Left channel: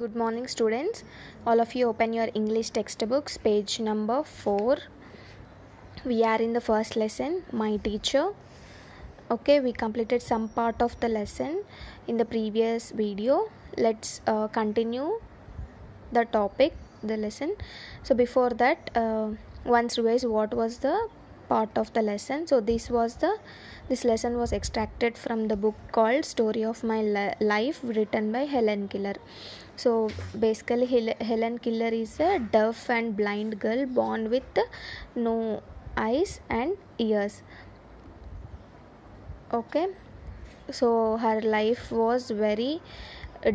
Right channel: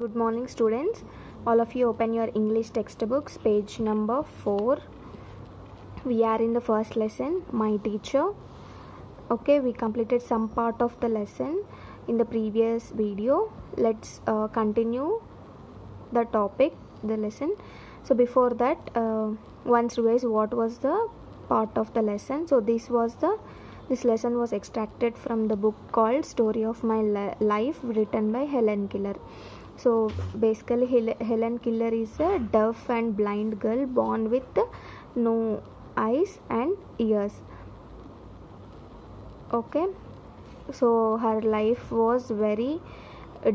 Good morning, students. All of you open your English textbooks, page number 4. We are in the first lesson, My Teacher. Okay, we completed some part of the lesson in the previous video. Let's continue the topic, the lesson. So before that, once revise what was the part of the lesson. So this lesson was extracted from the book called Story of My Life, written by Helen Keller. So basically Helen Keller is a deaf and blind girl born with no eyes and ears. Okay, so her life was very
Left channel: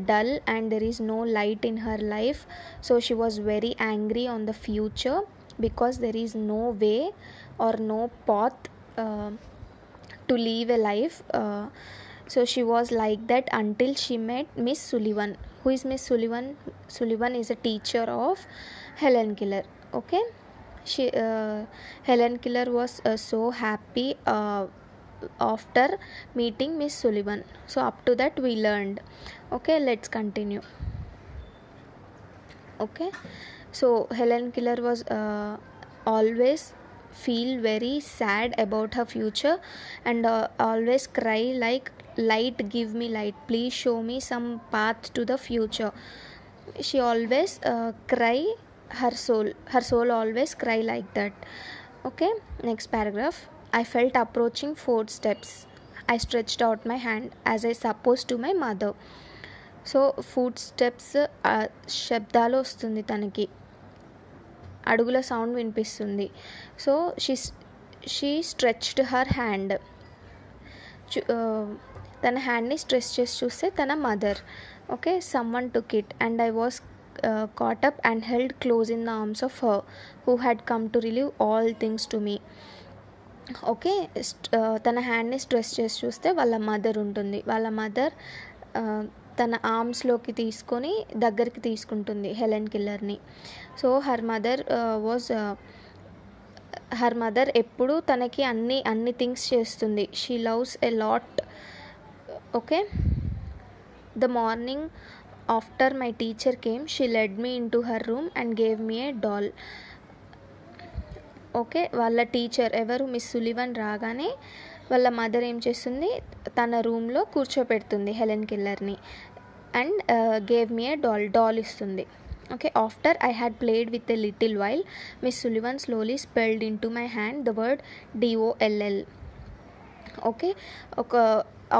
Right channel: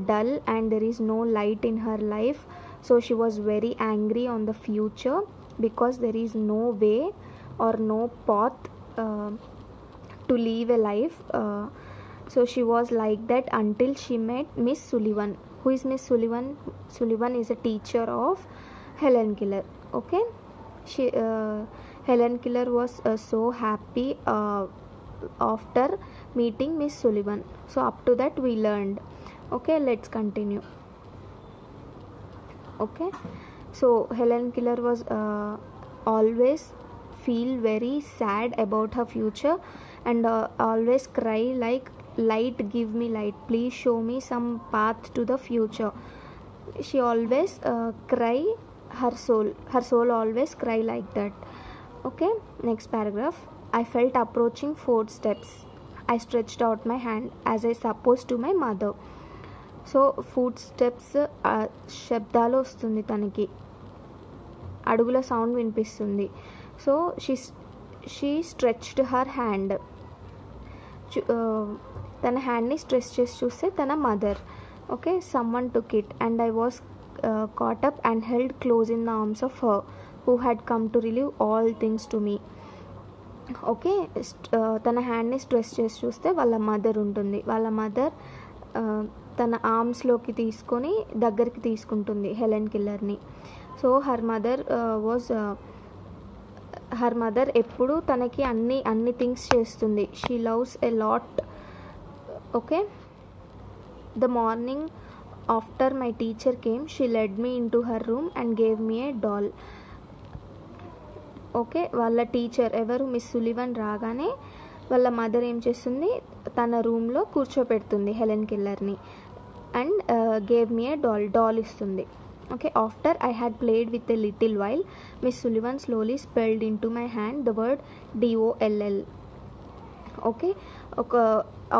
dull and there is no light in her life. So she was very angry on the future because there is no way or no path to live a life. So she was like that until she met Miss Sullivan. Who is Miss Sullivan? Sullivan is a teacher of Helen Keller. Okay, Helen Keller was so happy after meeting Miss Sullivan. So up to that we learned. Okay, let's continue. Okay, so Helen Keller was always feel very sad about her future and always cry like, light, give me light, please show me some path to the future. She always cry, her soul always cry like that. Okay, next paragraph. I felt approaching footsteps. I stretched out my hand as I supposed to my mother. So footsteps శబ్దాలు వస్తుంది, తనకి అడుగుల sound వినిపిస్తుంది. So she stretched her hand. తన హ్యాండ్ని stretch చేసి చూస్తే తన mother. Okay, someone took it and I was caught up and held close in the arms of her who had come to relieve all things to me. Okay, తన హ్యాండ్ని stretch చేసి చూస్తే వాళ్ళ మదర్ ఉంటుంది. వాళ్ళ మదర్ తన ఆర్మ్స్లోకి తీసుకొని దగ్గరికి తీసుకుంటుంది హెలెన్ కిల్లర్ని. సో హర్ మదర్ ఎప్పుడు తనకి అన్ని థింగ్స్ చేస్తుంది. She loves a lot. Okay, the morning after my teacher came she led me into her room and gave me a doll. Okay, వాళ్ళ టీచర్ ఎవరు, మిస్ సులివన్ రాగానే వాళ్ళ మదర్ ఏం చేస్తుంది, తన రూమ్లో కూర్చోపెడుతుంది హెలెన్ కిల్లర్ని and gave me a doll ఇస్తుంది. Okay, after I had played with a little while, Miss Sullivan slowly spelled into my hand the word DOLL. Okay,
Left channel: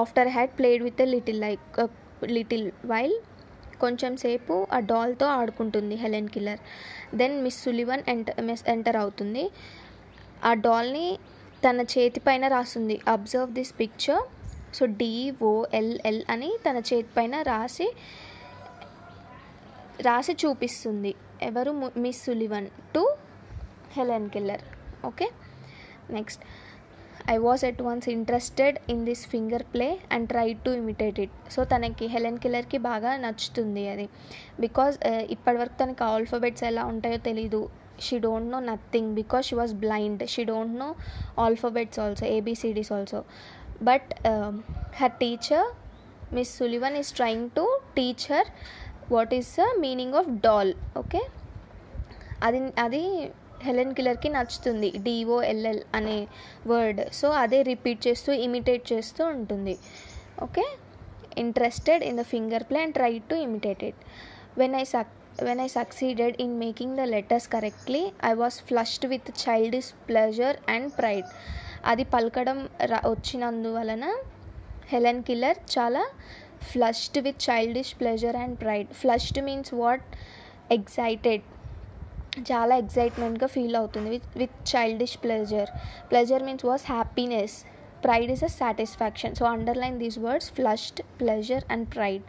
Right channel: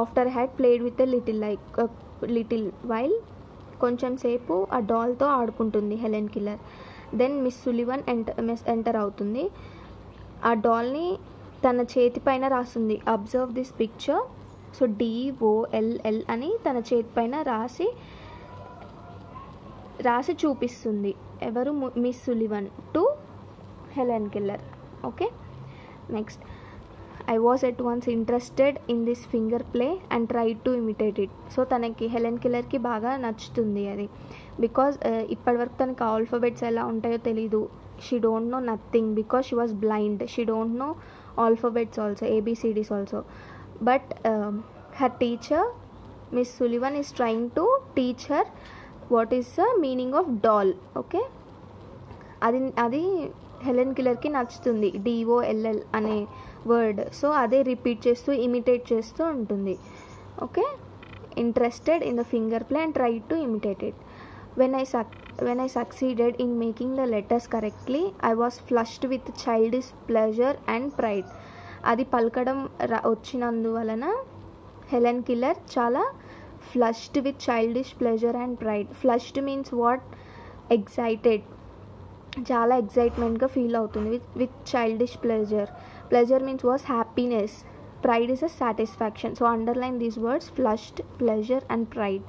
after I had played with a little while, కొంచెం సేపు ఆ డాల్తో ఆడుకుంటుంది Helen Keller. Then miss Sullivan enter అవుతుంది. ఆ డాల్ని తన చేతి పైన రాస్తుంది. Observe this picture. So DOLL అని తన చేతి పైన రాసి చూపిస్తుంది. ఎవరు, miss Sullivan to Helen Keller. Okay, next. I was at once interested in this finger play and try to imitate it. So తనకి హెలెన్ కిల్లర్కి బాగా నచ్చుతుంది అది. బికాజ్ ఇప్పటివరకు తనకి ఆల్ఫాబెట్స్ ఎలా ఉంటాయో తెలీదు. She don't know nothing because she was blind. She don't know alphabets also, ABCDs also. But her teacher miss Sullivan is trying to teach her what is the meaning of doll. Okay, అది Helen కిల్లర్కి నచ్చుతుంది, DOLL అనే word. So అదే repeat చేస్తూ imitate చేస్తూ ఉంటుంది. Okay, interested in the finger play and try to imitate it. when I succeeded in making the letters correctly, I was flushed with childish pleasure and pride. అది పలకడం వచ్చినందువలన Helen killer చాలా flushed with childish pleasure and pride. Flushed means what, excited, చాలా ఎగ్జైట్మెంట్గా feel అవుతుంది. With childish pleasure means was happiness, pride is a satisfaction. So underline these words, flushed, pleasure and pride.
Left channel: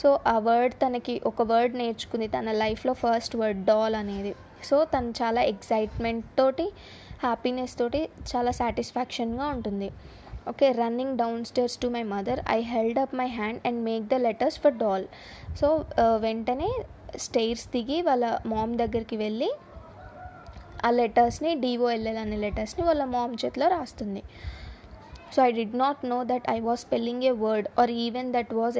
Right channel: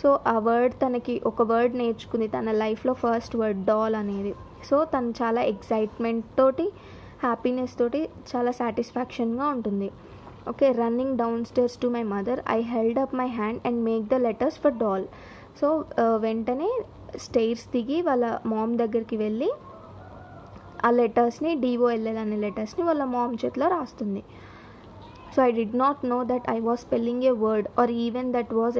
So ఆ word, తనకి ఒక word నేర్చుకుంది తన లైఫ్లో, first word doll అనేది. So తను చాలా ఎగ్జైట్మెంట్ తోటి, హ్యాపీనెస్ తోటి, చాలా సాటిస్ఫాక్షన్గా ఉంటుంది. Okay, running down stairs to my mother I held up my hand and make the letters for doll. So వెంటనే స్టేర్స్ దిగి వాళ్ళ మామ్ దగ్గరికి వెళ్ళి ఆ లెటర్స్ని, DOLL అనే లెటర్స్ని వాళ్ళ మామ్ చేతిలో రాస్తుంది. So I did not know that I was spelling a word or even that word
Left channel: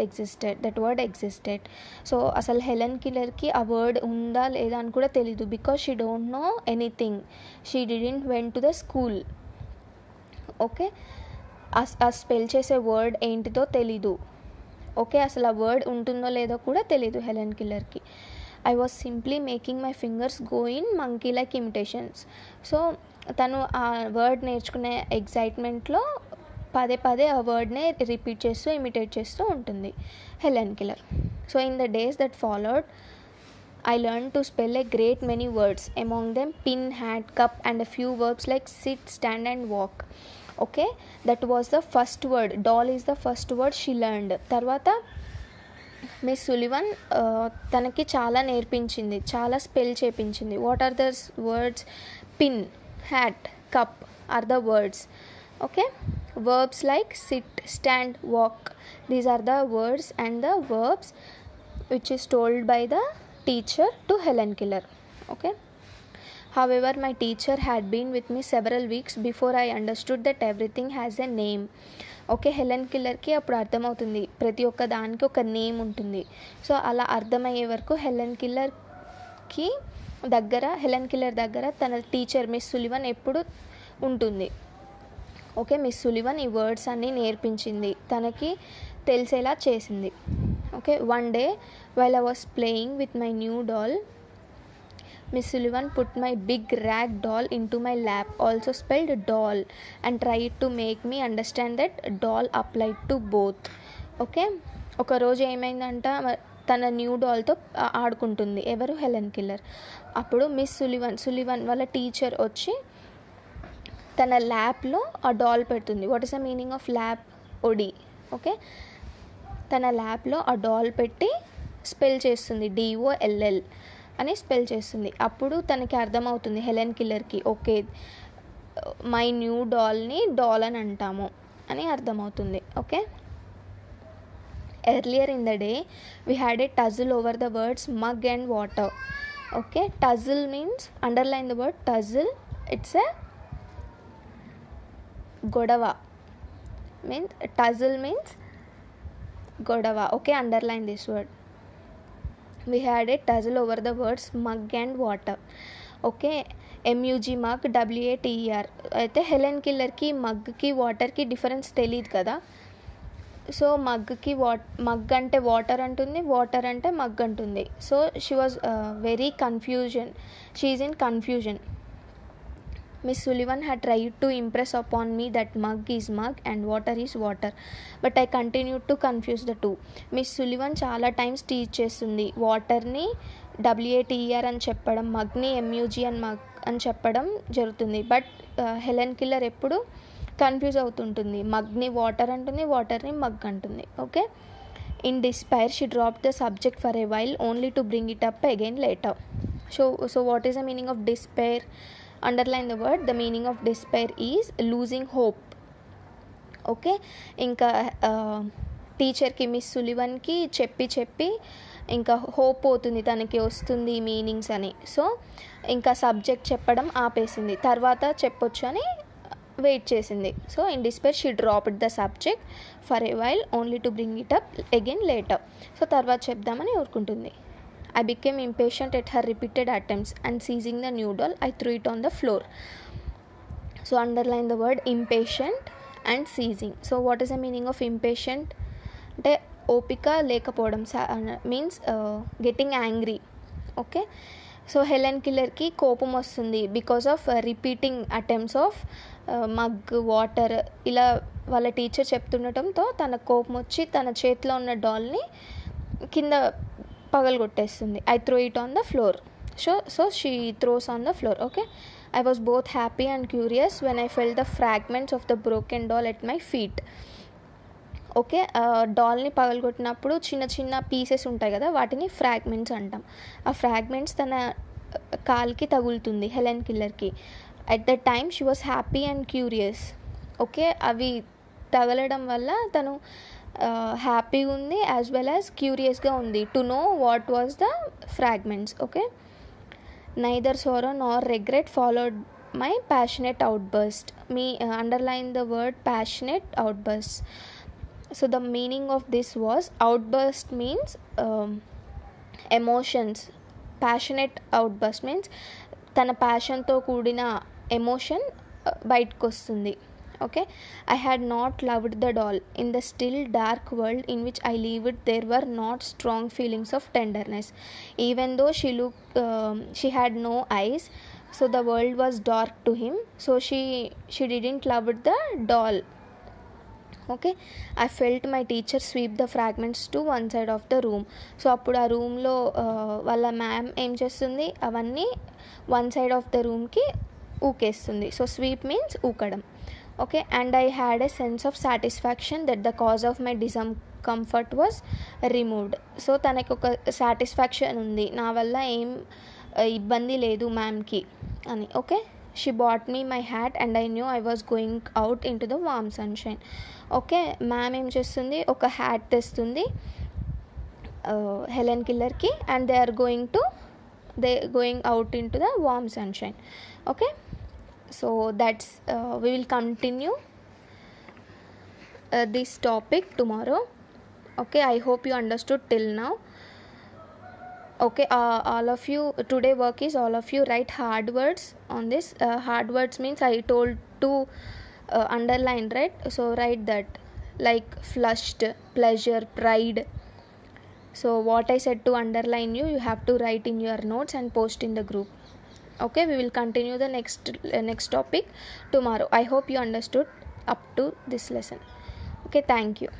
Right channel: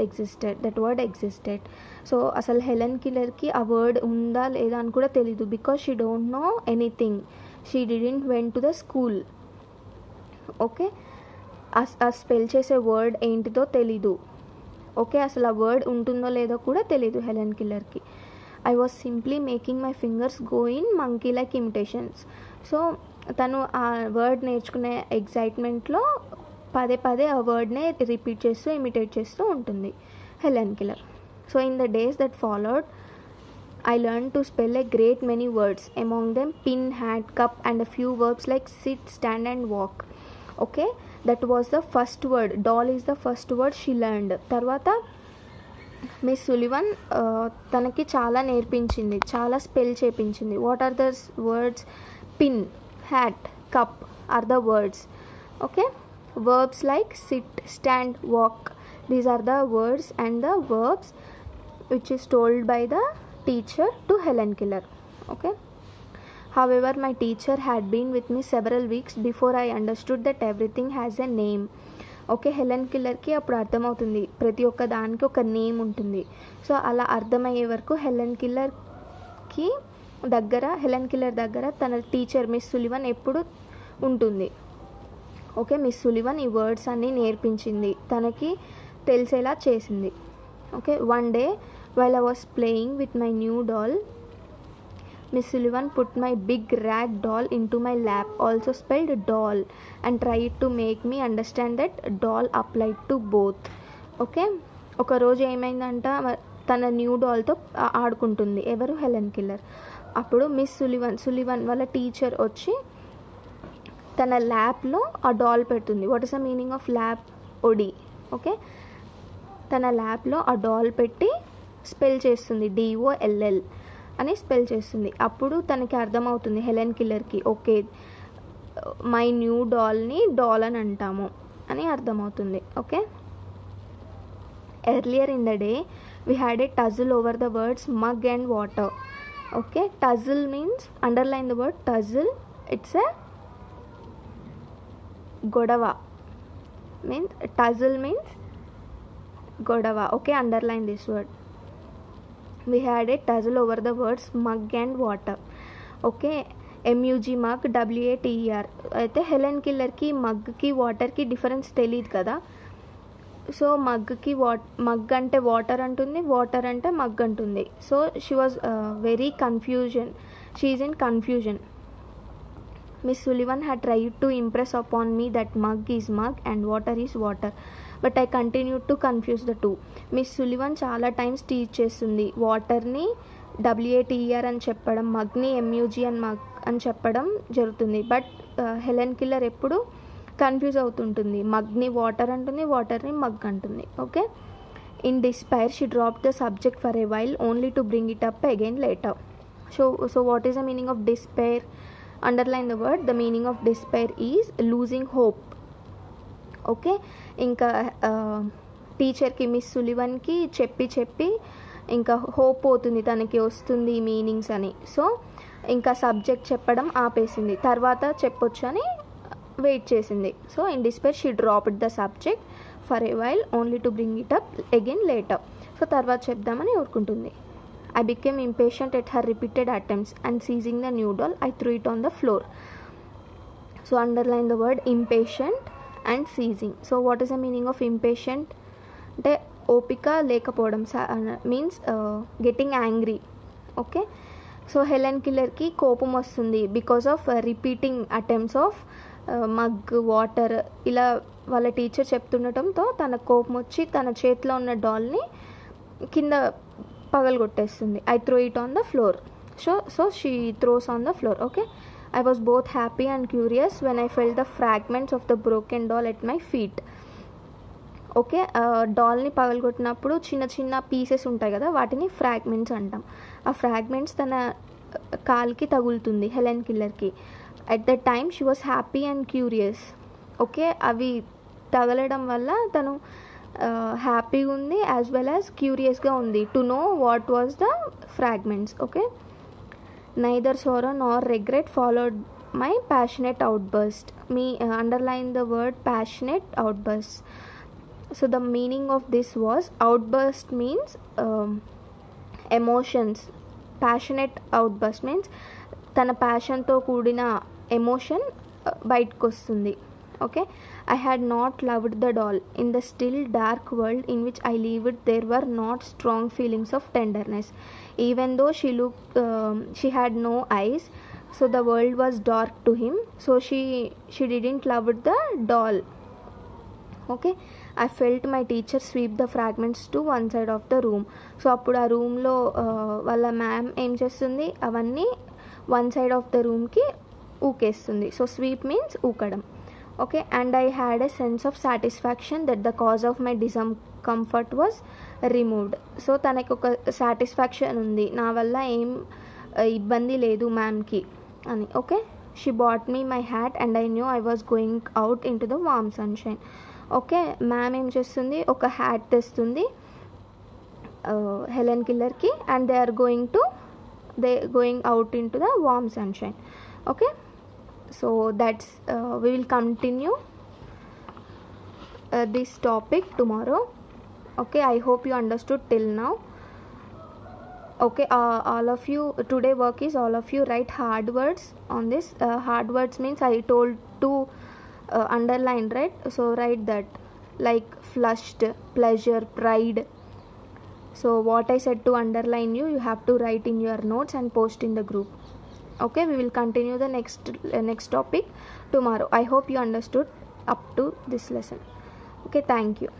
existed. So అసలు హెలెన్ కిల్లర్కి ఆ వర్డ్ ఉందా లేదా అని కూడా తెలీదు, because she don't know anything. She didn't went to the school. Okay, ఆ spell చేసే word ఏంటిదో తెలీదు. ఓకే, అసలు ఆ వర్డ్ ఉంటుందో లేదో కూడా తెలీదు హెలెన్ కిల్లర్కి. I was simply making my fingers go in monkey like imitations. So తను ఆ వర్డ్ నేర్చుకునే ఎగ్జైట్మెంట్లో పదే పదే ఆ వర్డ్నే రిపీట్ చేస్తూ ఇమిటేట్ చేస్తూ ఉంటుంది Helen killer. So in the days that followed I learned to spell a great many words, among them pin, hat, cup and a few verbs like sit, stand and walk. Okay, that was the first word. Doll is the first word she learned. Tarvata miss Sullivan తనకి చాలా నేర్పించింది, చాలా spell చేపించింది. What are the words? Pin, hat, cup are the words. Okay, verbs like sit, stand, walk, these are the words and the verbs which is told by the teacher to Helen Keller. Okay, however my teacher had been with me several weeks before I understood that everything has a name. Okay, Helen కిల్లర్కి అప్పుడు అర్థమవుతుంది ప్రతి ఒక్క దానికి ఒక name ఉంటుంది. So అలా అర్థమయ్యే వరకు హెలెన్ కిల్లర్ దగ్గర తన టీచర్ మిస్ సులివన్ ఎప్పుడు ఉంటుంది. ఓకే, మిస్ సులివన్ ఈ వర్డ్స్ అన్నీ నేర్పించింది, తనకి తెలిసేలా చేసింది. Okay, one day while I was playing with my new doll, Miss Sullivan put my big rag doll into my lap, also spelled doll, and tried to make me understand that doll applied to both. Okay, ఒక రోజు ఏమైందంట, తన new డాల్తో ఆడుకుంటుంది. ఎవరు? Helen Keller. అప్పుడు Miss Sullivan వాళ్ళ teacher వచ్చి తన ల్యాప్లో ఆ డాల్ పెడుతుంది. What is the meaning of lap? ఒడి. ఓకే, తన ల్యాప్లో ఆ డాల్ పెట్టి స్పెల్ చేస్తుంది, DOLL అని స్పెల్ చేస్తుంది. అప్పుడు తనకి అర్థమవుతుంది హెలెన్ కిల్లర్కి, ఓకే మై న్యూ డాల్ని డాల్ అని అంటాము అని అర్థమవుతుంది. Okay, earlier in the day we had a tussle over the words mug and water. Okay, tussle means, underline the word tussle, it's a గొడవ. టజిల్ మీన్స్ గొడవ. Okay, underline this word. We had a tussle over the words mug and water. Okay, MUG mug, WATER. అయితే Helen కిల్లర్కి మగ్కి వాటర్కి difference తెలియదు కదా. So mug అంటే water అంటుంది, water అంటే mug అంటుంది. So she was very she is in confusion. Miss Sullivan had tried to impress upon me that mug is mug and water is water, but I continued to confuse the two. Miss Sullivan చాలా times teach చేస్తుంది. వాటర్ని WATER అని చెప్పడం, మగ్ని MUG అని చెప్పడం జరుగుతుంది. But Helen killer ఎప్పుడు confuse అవుతుంటుంది, మగ్ని వాటర్ అంటుంది, వాటర్ని మగ్ అంటుంది. Okay, in despair she drop the subject for a while only to bring it up again later. So what is the meaning of despair? Underline the word. The meaning of despair is losing hope. Okay, ఇంకా టీచర్కి miss సులివన్కి చెప్పి ఇంకా hope పోతుంది, తనకి వస్తుంది meanings అని. So ఇంకా subject చెప్పడం ఆపేసింది, తర్వాత చెప్పొచ్చు అని వెయిట్ చేసింది. So in despair she dropped the subject for a while only to bring it up again later. So తర్వాత చెప్దామని ఊరుకుంటుంది. I became impatient at her repeated attempts and seizing the new doll, I threw it on the floor. So underline the word impatient and seizing. So what is the meaning of impatient? అంటే ఓపిక లేకపోవడం, means getting angry. Okay, so Helen కిల్లర్కి కోపం వస్తుంది because of repeating attempts of mug, water ఇలా వాళ్ళ teacher చెప్తుండటంతో తన కోపం వచ్చి తన చేతిలో ఉన్న డాల్ని కింద పగలగొట్టేస్తుంది. I threw it on the floor. So she throws on the floor. Okay, I was both happy and curious when I felt the fragments of the broken doll at my feet. Okay, డాల్ని పగలగొట్టినప్పుడు చిన్న చిన్న pieces ఉంటాయి కదా, వాటిని fragments అంటాం. ఆ fragments తన కాల్కి తగులుతుంది హెలెన్ కిల్లర్కి. At the time she was happy and curious. Okay, అవి తగలడం వల్ల తను హ్యాపీగా ఉంది యాజ్ వెల్ యాజ్ క్యూరియస్గా ఉంది to know what was the fragments. Okay, neither sorrow nor regret followed my passionate outburst. underline the word passionate outbursts. So the meaning of this was, outburst means emotions. Passionate outburst means తన ప్యాషన్తో కూడిన emotion బయటకు వస్తుంది. Okay, I had not loved the doll. In the still dark world in which I lived, there were not strong feelings of tenderness. Even though she had no eyes, so the world was dark to him, so she didn't love the doll. Okay, I felt my teacher sweep the fragments to one side of the room. So అప్పుడు ఆ రూమ్లో వాళ్ళ ma'am ఏం చేస్తుంది, అవన్నీ one side of the రూమ్కి ఊకేస్తుంది. So sweep means ఊకడం. Okay, and I had a sense of satisfaction that the cause of my discomfort was removed. So తనకు ఒక సాటిస్ఫాక్షన్ ఉంది, నా వల్ల ఏం ఇబ్బంది లేదు మ్యామ్కి అని. Okay, she bought me my hat and I knew I was going out into the warm sunshine. Okay, ma'am ఏం చేస్తుంది, ఒక హ్యాట్ తెస్తుంది హెలెన్ కిల్లర్కి, and they going out into the warm sunshine. Okay, so that's we will continue this topic tomorrow. Okay, I hope you understood till now. Okay, all of you, today work is all of you write hard words on this. Hard words means I told to underline, right? So write that, like flushed, pleasure, pride. So what I said to underline, you have to write in your notes and post in the group. Okay, we will continue the next topic tomorrow. I hope you understood up to this lesson. Okay, thank you.